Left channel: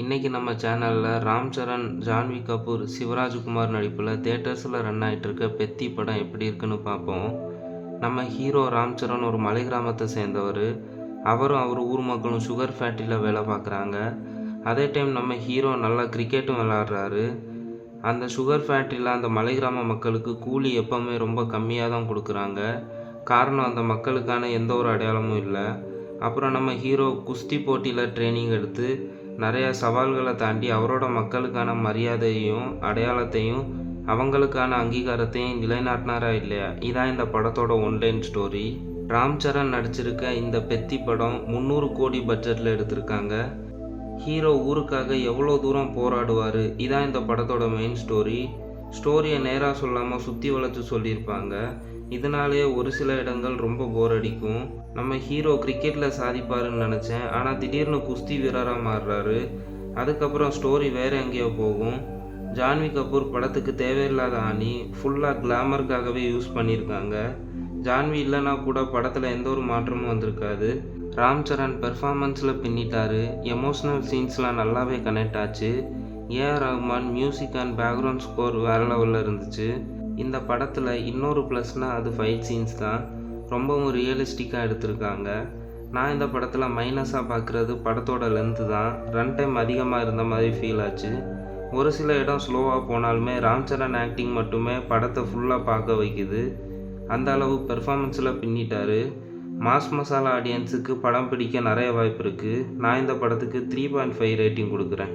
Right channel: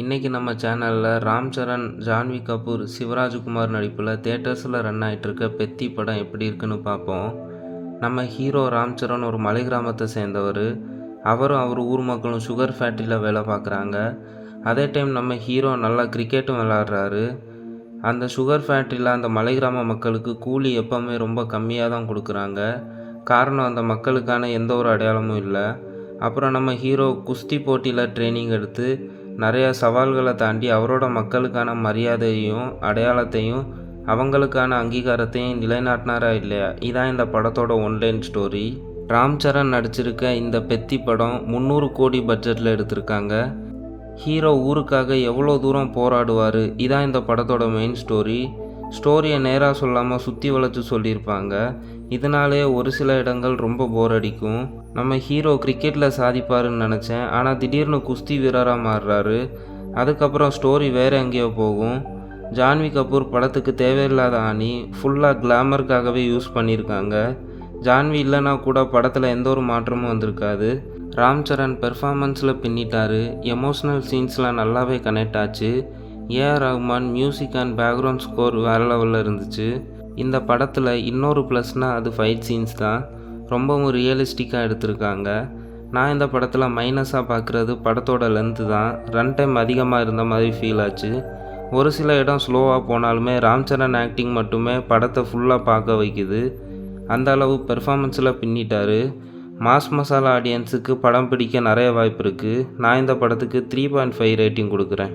இன்றைக்கி நம்ம சேனலில் ராம் சரண், ஜான்வி கபூர், சிவராஜ்குமார் நடிப்பில் தேட்டர்ஸில் ரன் ஆகிட்டுருக்க பெத்தி படம் எப்படி இருக்குன்னு பார்ப்போம். நம்ம ஹீரோ ராம் சரண் ஒரு மலை கிராமத்தை சேர்ந்தவர். அவரும் அவர் ஊர் மக்களும் சுகர் ஃபேக்ட்ரியில் வேலை பார்க்குறாங்க. அதே டைம் நம்ம ஹீரோ நல்லா கிரிக்கெட்டும் விளாட்றாரு. அந்த சுகர் ஃபேக்ட்ரியில் அந்த மலை கிராம மக்களுக்கு கூலி எப்போவுமே ரொம்ப கம்மியாக தான் கொடுக்குறாங்க. காரணம் அந்த மக்களுக்கான எந்த ஒரு அடையாளமும் இல்லை. அப்புறம் நம்ம ஹீரோ குஸ்தி போட்டியில் ட்ரைனிங் எடுத்து நிறையா சவால்களை தாண்டி அவரோட மக்களுக்கான மரியாதையும் அடையாளத்தையும் அவங்களுக்கான அங்கீகாரத்தையும் நிலைநாட்டினாரா இல்லையா, இதான் இந்த படத்தோட ஒன்லைன் ஸ்டோரி. ராம் சரண் நடிச்சிருக்க இந்த பெத்தி படம் 300 கோடி பட்ஜெட்டில் எடுத்திருக்காங்க. ஹீரோ ஊருக்காக எவ்வளோ தூரம் போராடுவார், இதான் இந்த படத்தோட மெயின் ஸ்டோரி. ஸ்டோரியை நேராக சொல்லாமல் சுற்றி வளைச்சு சொல்லியிருப்பாங்க. இதனாலே ஒரு சில இடங்கள் ரொம்ப போர் அடிக்கும். நம்ம ஹீரோ கிரிக்கெட்டில் சாதிப்பாருன்னு நினச்சேன், ஆனால் திடீர்னு குஸ்தி வீரராக மாறுறாரு. அதுக்கப்புறம் ஸ்டோரி வேறு எங்கேயோ போகும். ஜான்வி கபூர் படத்துக்கு தேவையில்லாத ஆணி, ஃபுல்லாக கிளாமருக்காகவே யூஸ் பண்ணியிருக்காங்க. ஜான்வி இல்லைனா கூட படத்தில் எந்த ஒரு மாற்றமும் வந்திருக்காது. ராம் சரண் பெர்ஃபார்மன்ஸில் பின்னிட்டார். எமோஷ்னல் சீன்ஸ்லாம் நல்லாவே கனெக்ட் ஆச்சு. AR Rahman music and background score வேறு லெவலில் இருந்துச்சு. இந்த படத்தில் இன்னொரு ப்ளஸ்னால் அது ஃபைட் சீன்ஸ் தான். ரொம்பவும் ரியலிஸ்டிக்காக எடுத்திருக்காங்க. நான் இந்த படத்தில் மைனஸாக பார்க்குறது படத்தோட லென்த்து தான். ரன் டைம் அதிகமாக இருந்த மாதிரி ஃபீல் ஆச்சு. ஒரு சில இடம் ஸ்லோவாக போனாலுமே ராம் சரண் ஆக்டிங் மட்டுமே படத்தை ஃபுல்லாக பார்க்க வைக்குது. அந்த அளவு பெர்ஃபார்மன்ஸில் பின்னிட்டார். மாஸ் மசாலா ஆடியன்ஸுக்கு படம் பிடிக்க நிறைய வாய்ப்பு இருக்குது. நான் இந்த படத்துக்கு 3.5 ரேட்டிங் கொடுக்குறேன்.